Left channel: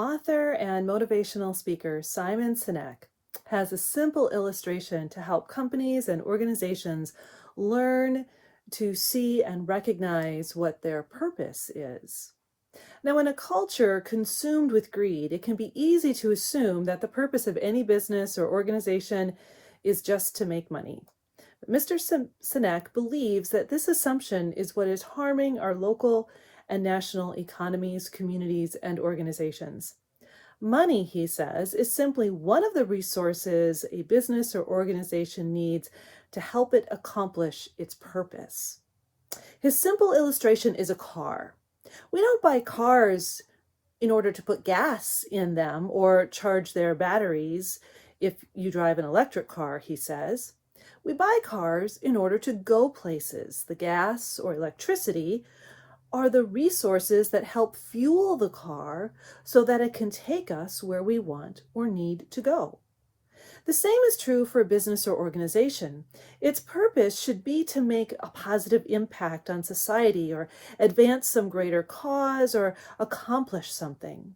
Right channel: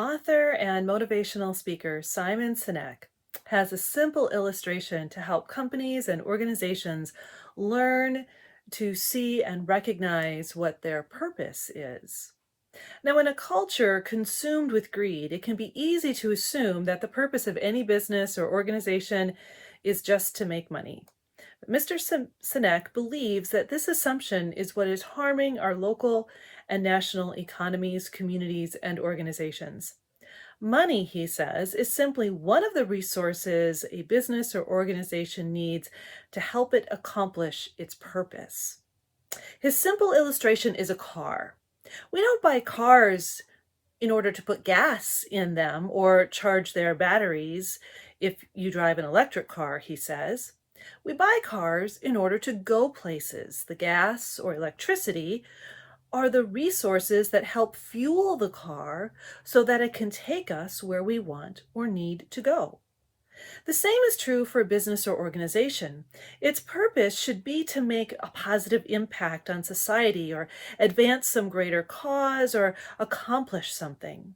Author and motivational speaker Simon Sinek has a simple illustration to help companies and organizations learn to see and recognize what their purpose is. Now, in a culture consumed with greed, it can be easy to assume that the purpose of any business or organization is just to make money. But Mr. Sinek believes that this assumption is what is harming our local and national economies, communities, and organizations. Money, he says, is simply one of the resources a business or organization needs to help it accomplish its purpose. His simple illustration is a car. We don't buy cars in order to put gas in them or charge their batteries if you drive an electric car, he says. We buy cars in order to go places. The gas or electricity are the resources that help fuel the car so that it can take us where we want or need to go. The same is true for a business or organization. Its purpose should be to make a positive impact on society or advance some greater cause or accomplish something.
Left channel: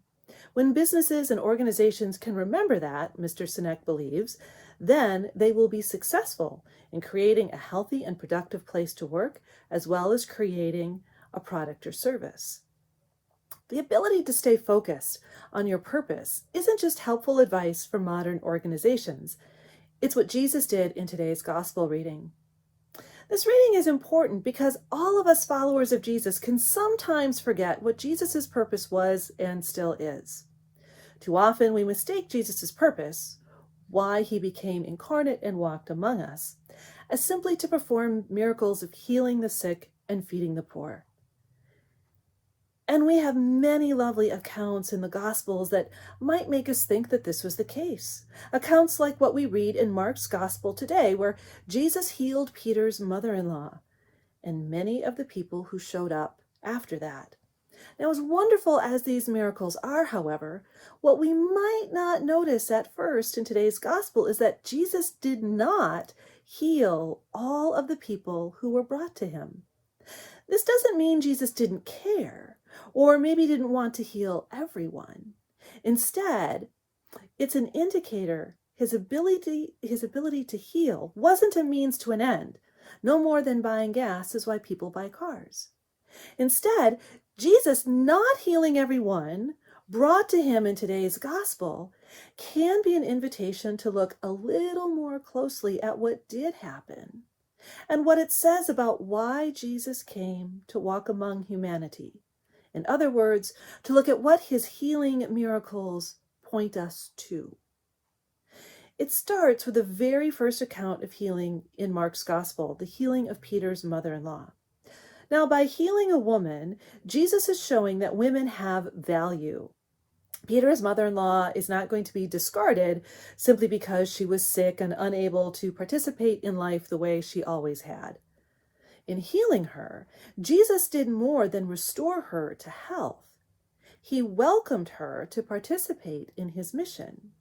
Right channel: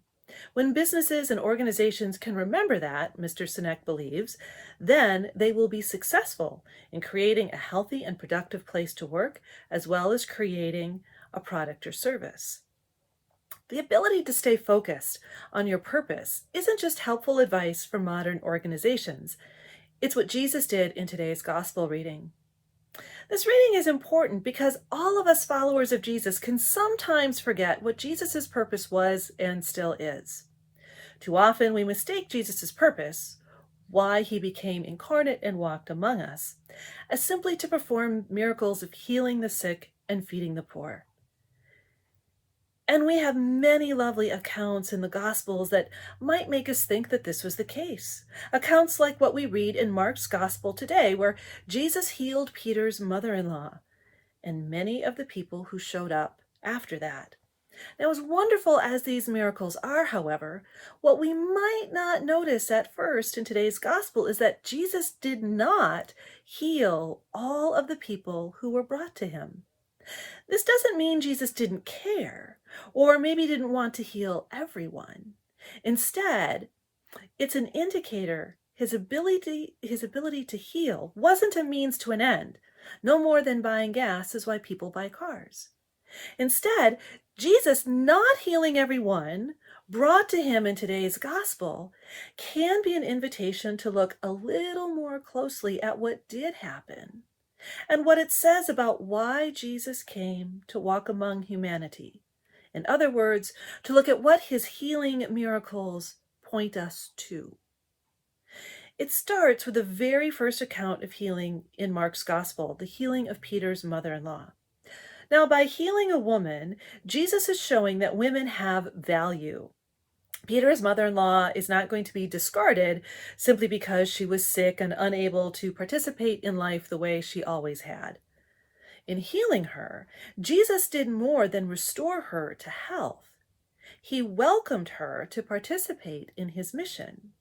When businesses and organizations can remember that, Mr. Sinek believes, then they will be successful in creating a healthy and productive place to work, as well as creating a product or service. The ability to stay focused on your purpose isn't just helpful advice for modern organizations. It's what Jesus did in today's gospel reading. This reading is important because all of us followers of Jesus can sometimes forget what Jesus' purpose was and still is. Too often we mistake Jesus' purpose, why he became incarnate and walked among us, as simply to perform miracles of healing the sick and feeding the poor. And we have many lovely accounts in the Gospels that might make us think that this was the case. Accounts like what we read in Mark's Gospel today, where Jesus healed Peter's mother-in-law and many of the people who showed up after that. Now, as wonderful as these miracles are, however, what we might not notice at first in today's Gospel is that Jesus did not heal all of the people who were brought to him. This doesn't mean Jesus didn't care or maybe didn't want to heal everyone. Instead, it's an indicator his ability to heal wasn't a means to an end. No more than buying gas is why people buy cars. Instead, Jesus not healing everyone brought to him in today's gospel can be an invitation to look a little more closely at what did happen and what it says about why Jesus came to walk among humanity. In other words, to look at what his healing miracles point us to. It starts with the very first account of healing in Mark's Gospel, the healing of Peter's mother-in-law. Now, by healing a woman, Jesus is showing that women have value. Peter's mother-in-law is not going to be discarded simply because she was sick and unable to participate in life the way she always had. In healing her, Jesus did more than restore her to health. He welcomed her to participate in his mission.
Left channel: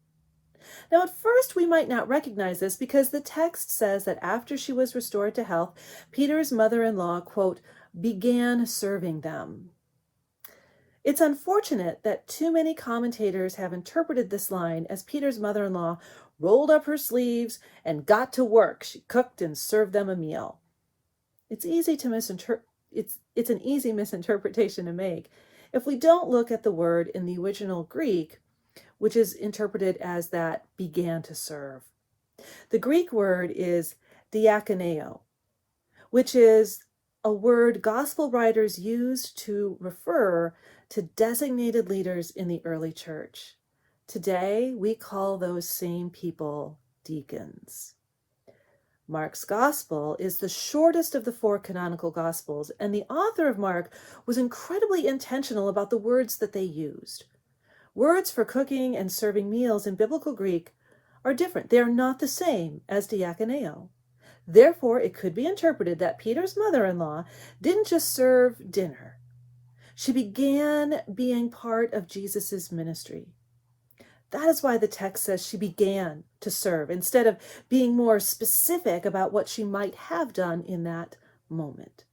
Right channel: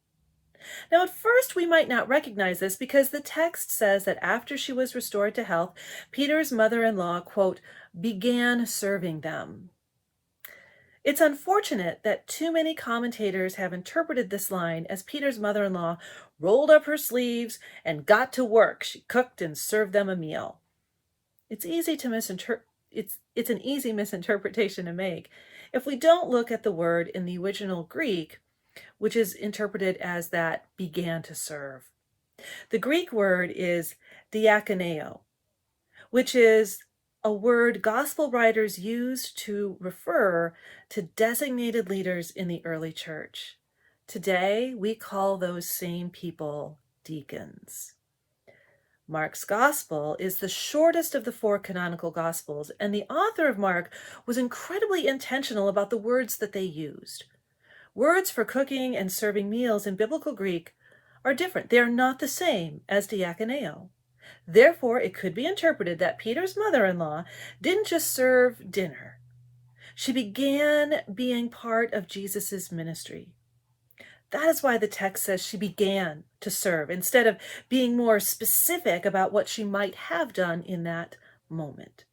Now, at first, we might not recognize this because the text says that after she was restored to health, Peter's mother-in-law, quote, began serving them. It's unfortunate that too many commentators have interpreted this line as Peter's mother-in-law rolled up her sleeves and got to work. She cooked and served them a meal. It's an easy misinterpretation to make if we don't look at the word in the original Greek, which is interpreted as that began to serve. The Greek word is diakoneo, which is a word gospel writers used to refer to designated leaders in the early church. Today, we call those same people deacons. Mark's gospel is the shortest of the 4 canonical gospels, and the author of Mark was incredibly intentional about the words that they used. Words for cooking and serving meals in biblical Greek are different. They are not the same as diakoneo. Therefore, it could be interpreted that Peter's mother-in-law didn't just serve dinner. She began being part of Jesus's ministry. That is why the text says she began to serve, instead of being more specific about what she might have done in that moment.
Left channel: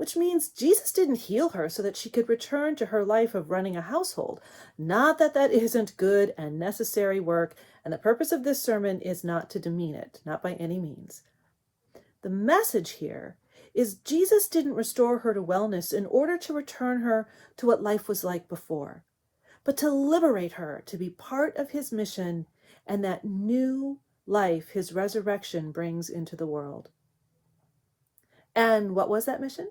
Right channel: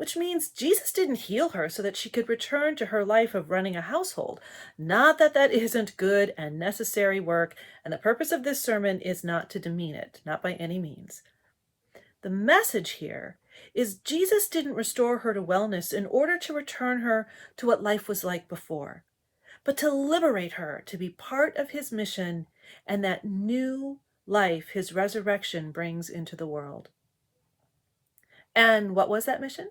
which means Jesus didn't heal her so that she could return to her life of running a household. Not that that isn't good and necessary work, and the purpose of this sermon is not to demean it, not by any means. The message here is Jesus didn't restore her to wellness in order to return her to what life was like before, but to liberate her to be part of his mission and that new life his resurrection brings into the world. And what was that mission?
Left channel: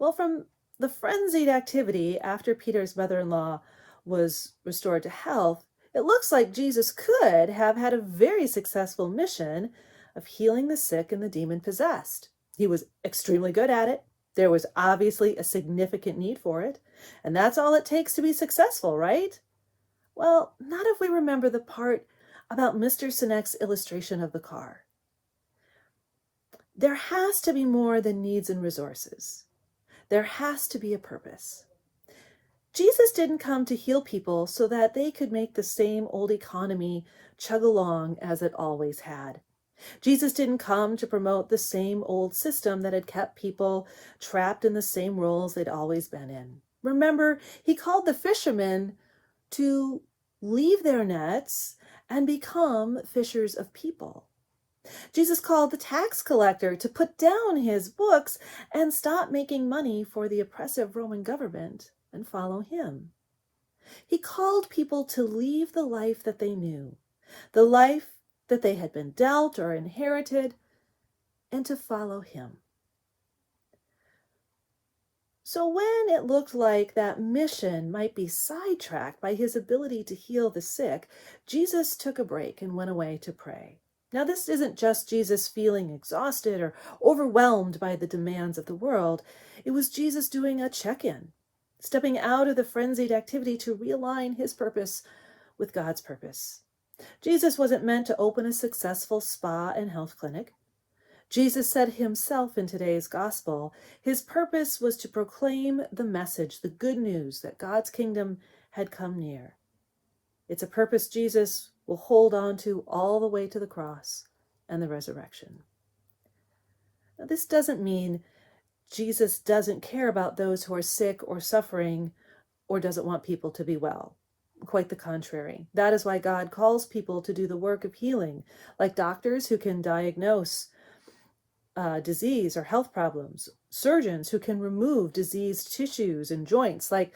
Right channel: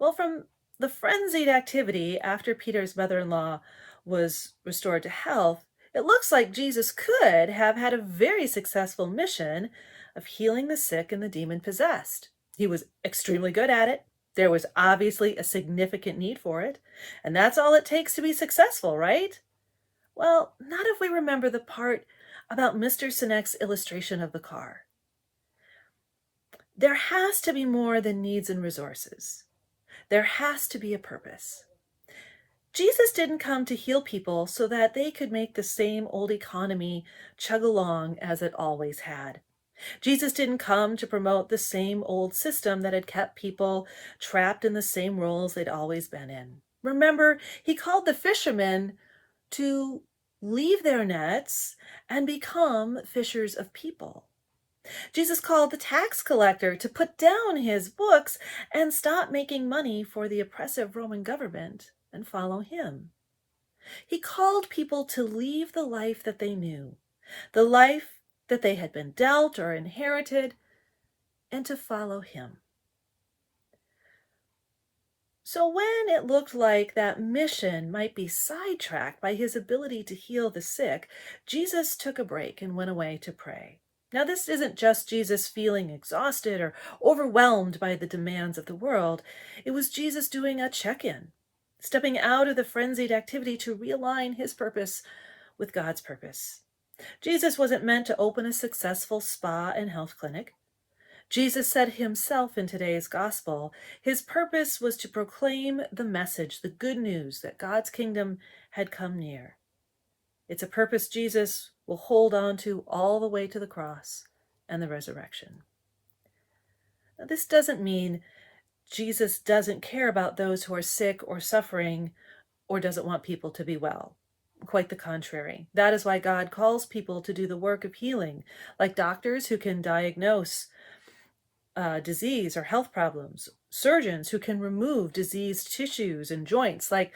Well, from the frenzied activity after Peter's mother-in-law was restored to health, it looks like Jesus could have had a very successful mission of healing the sick and the demon-possessed. He was extremely good at it. There was obviously a significant need for it, and that's all it takes to be successful, right? Well, not if we remember the part about Mr. Sinek's illustration of the car. There has to be more than needs and resources. There has to be a purpose. Jesus didn't come to heal people so that they could make the same old economy chug along as it always had. Jesus didn't come to promote the same old system that had kept people trapped in the same roles they'd always been in. Remember, he called the fishermen to leave their nets and become fishers of people. Jesus called the tax collector to put down his books and stop making money for the oppressive Roman government and follow him. He called people to leave the life that they knew, the life that they had been dealt or inherited, and to follow him. So when it looked like that mission might be sidetracked by his ability to heal the sick, Jesus took a break and went away to pray. Now, this isn't just Jesus feeling exhausted or overwhelmed by the demands of the world. It was Jesus doing a check-in, stepping out of the frenzied activity to realign his purpose with God's purpose. Jesus wasn't meant to open a successful spa and health clinic. Jesus said himself in today's gospel, his purpose was to proclaim the message, the good news that God's kingdom had come near. It's a purpose Jesus will hold on to all the way to the cross and the resurrection. Now, this doesn't mean Jesus doesn't care about those who are sick or suffering or doesn't want people to be well. Quite the contrary. That is why God calls people to do the work of healing, like doctors who can diagnose disease or health problems, surgeons who can remove diseased tissues and joints, like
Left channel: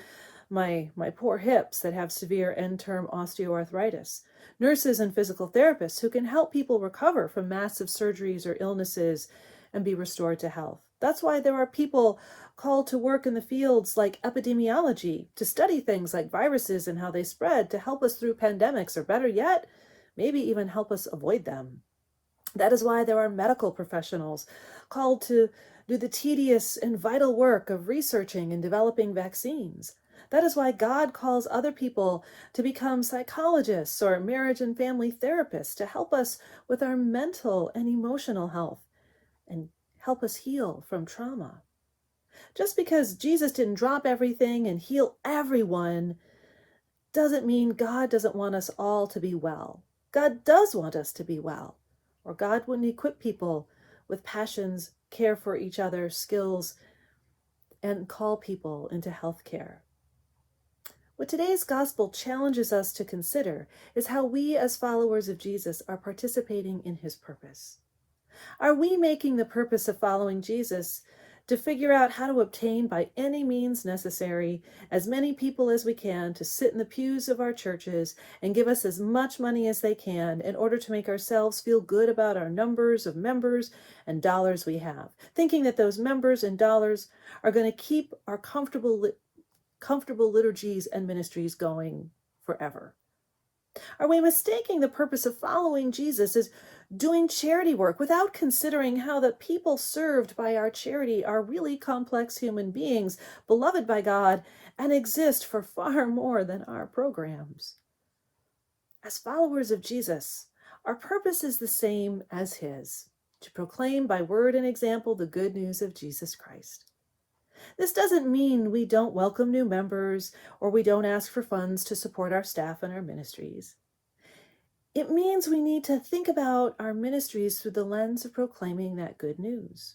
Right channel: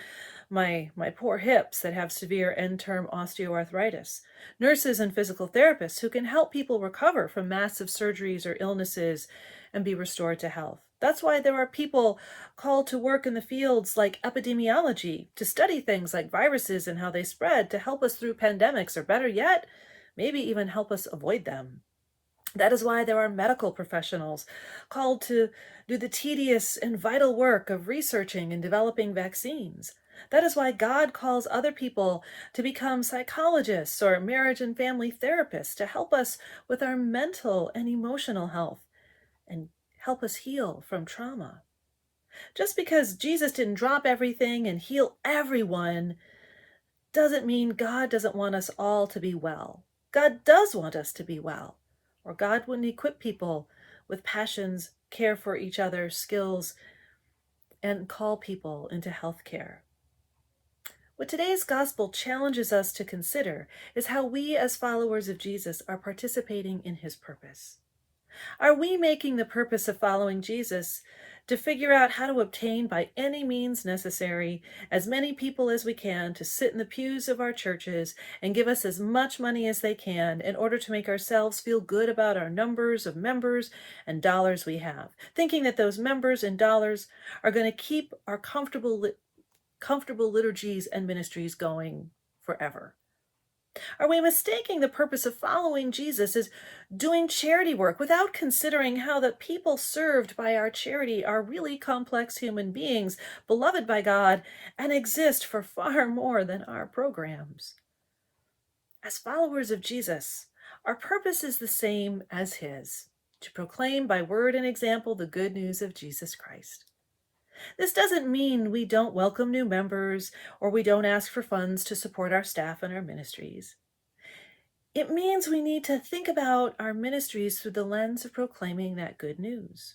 my poor hips that have severe end-term osteoarthritis, nurses and physical therapists who can help people recover from massive surgeries or illnesses and be restored to health. That's why there are people called to work in the fields like epidemiology, to study things like viruses and how they spread, to help us through pandemics, or better yet, maybe even help us avoid them. That is why there are medical professionals called to do the tedious and vital work of researching and developing vaccines. That is why God calls other people to become psychologists or marriage and family therapists to help us with our mental and emotional health and help us heal from trauma. Just because Jesus didn't drop everything and heal everyone doesn't mean God doesn't want us all to be well. God does want us to be well, or God wouldn't equip people with passions, care for each other, skills, and call people into health care. What today's gospel challenges us to consider is how we as followers of Jesus are participating in his purpose. Are we making the purpose of following Jesus to figure out how to obtain by any means necessary as many people as we can to sit in the pews of our churches and give us as much money as they can in order to make ourselves feel good about our numbers of members and dollars we have, thinking that those members and dollars are going to keep our comfortable liturgies and ministries going forever? Are we mistaking the purpose of following Jesus as doing charity work without considering how the people served by our charity are really complex human beings, beloved by God, and exist for far more than our programs? As followers of Jesus, our purpose is the same as his, to proclaim by word and example the good news of Jesus Christ. This doesn't mean we don't welcome new members or we don't ask for funds to support our staff and our ministries. It means we need to think about our ministries through the lens of proclaiming that good news.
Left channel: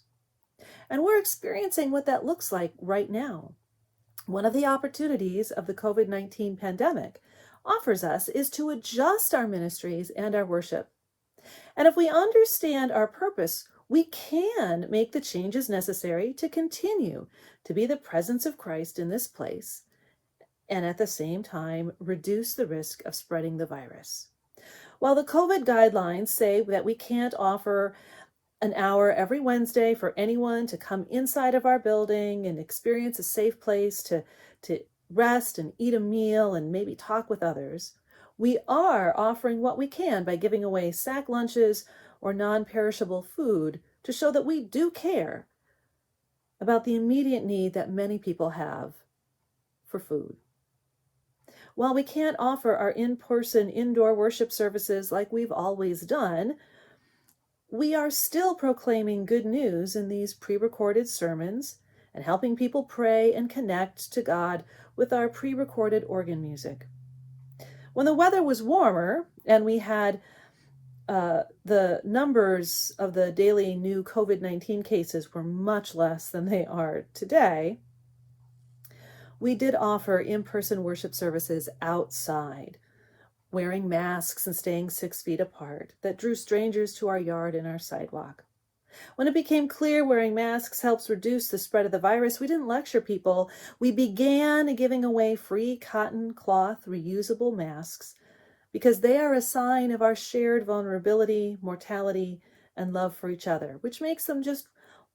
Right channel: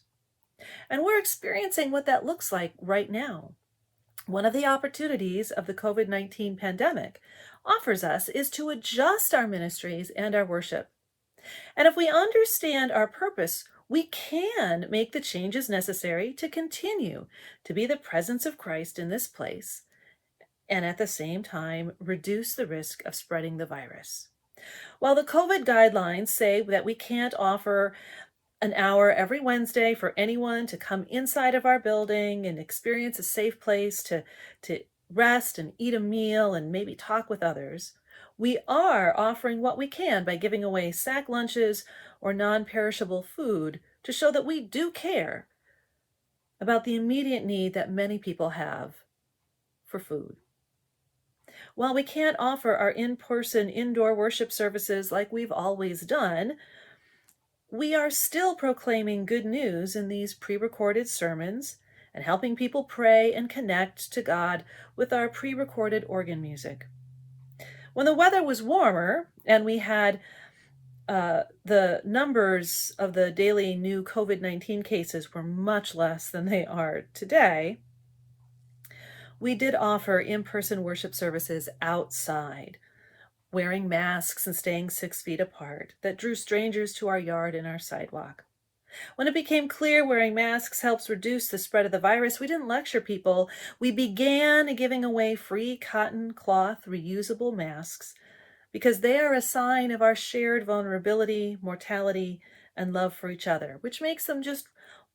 And we're experiencing what that looks like right now. One of the opportunities of the COVID-19 pandemic offers us is to adjust our ministries and our worship. And if we understand our purpose, we can make the changes necessary to continue to be the presence of Christ in this place and at the same time reduce the risk of spreading the virus. While the COVID guidelines say that we can't offer an hour every Wednesday for anyone to come inside of our building and experience a safe place to rest and eat a meal and maybe talk with others, we are offering what we can by giving away sack lunches or non-perishable food to show that we do care about the immediate need that many people have for food. While we can't offer our in-person indoor worship services like we've always done, we are still proclaiming good news in these pre-recorded sermons and helping people pray and connect to God with our pre-recorded organ music. When the weather was warmer and we had the numbers of the daily new COVID-19 cases were much less than they are today, we did offer in-person worship services outside, wearing masks and staying 6 feet apart, that drew strangers to our yard and our sidewalk. When it became clear wearing masks helps reduce the spread of the virus, we didn't lecture people. We began giving away free cotton cloth reusable masks because they are a sign of our shared vulnerability, mortality, and love for each other, which makes them just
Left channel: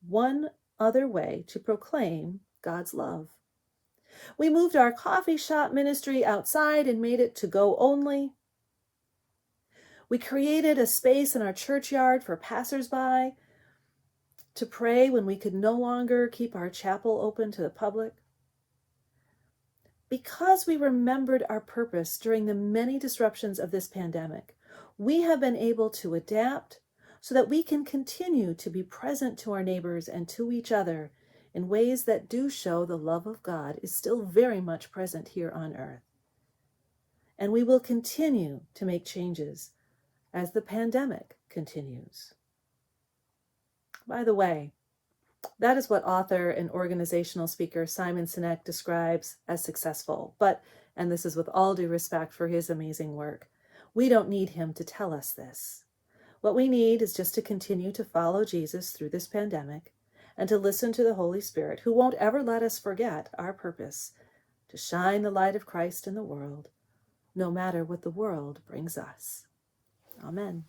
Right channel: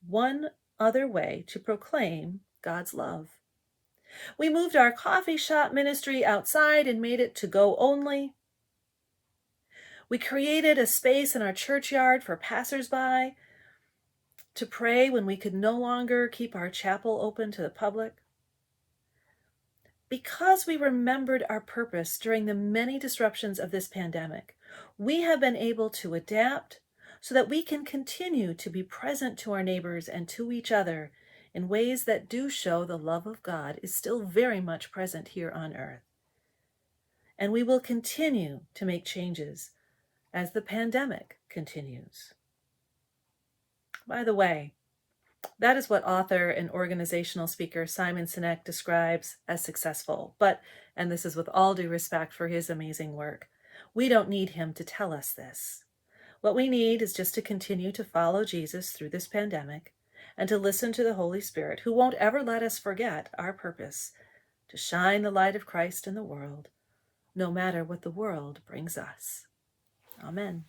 one other way to proclaim God's love. We moved our coffee shop ministry outside and made it to go only. We created a space in our churchyard for passersby to pray when we could no longer keep our chapel open to the public. Because we remembered our purpose during the many disruptions of this pandemic, we have been able to adapt so that we can continue to be present to our neighbors and to each other in ways that do show the love of God is still very much present here on earth. And we will continue to make changes as the pandemic continues. By the way, that is what author and organizational speaker Simon Sinek describes as successful. But, and this is with all due respect for his amazing work, we don't need him to tell us this. What we need is just to continue to follow Jesus through this pandemic and to listen to the Holy Spirit, who won't ever let us forget our purpose, to shine the light of Christ in the world, no matter what the world brings us. Amen.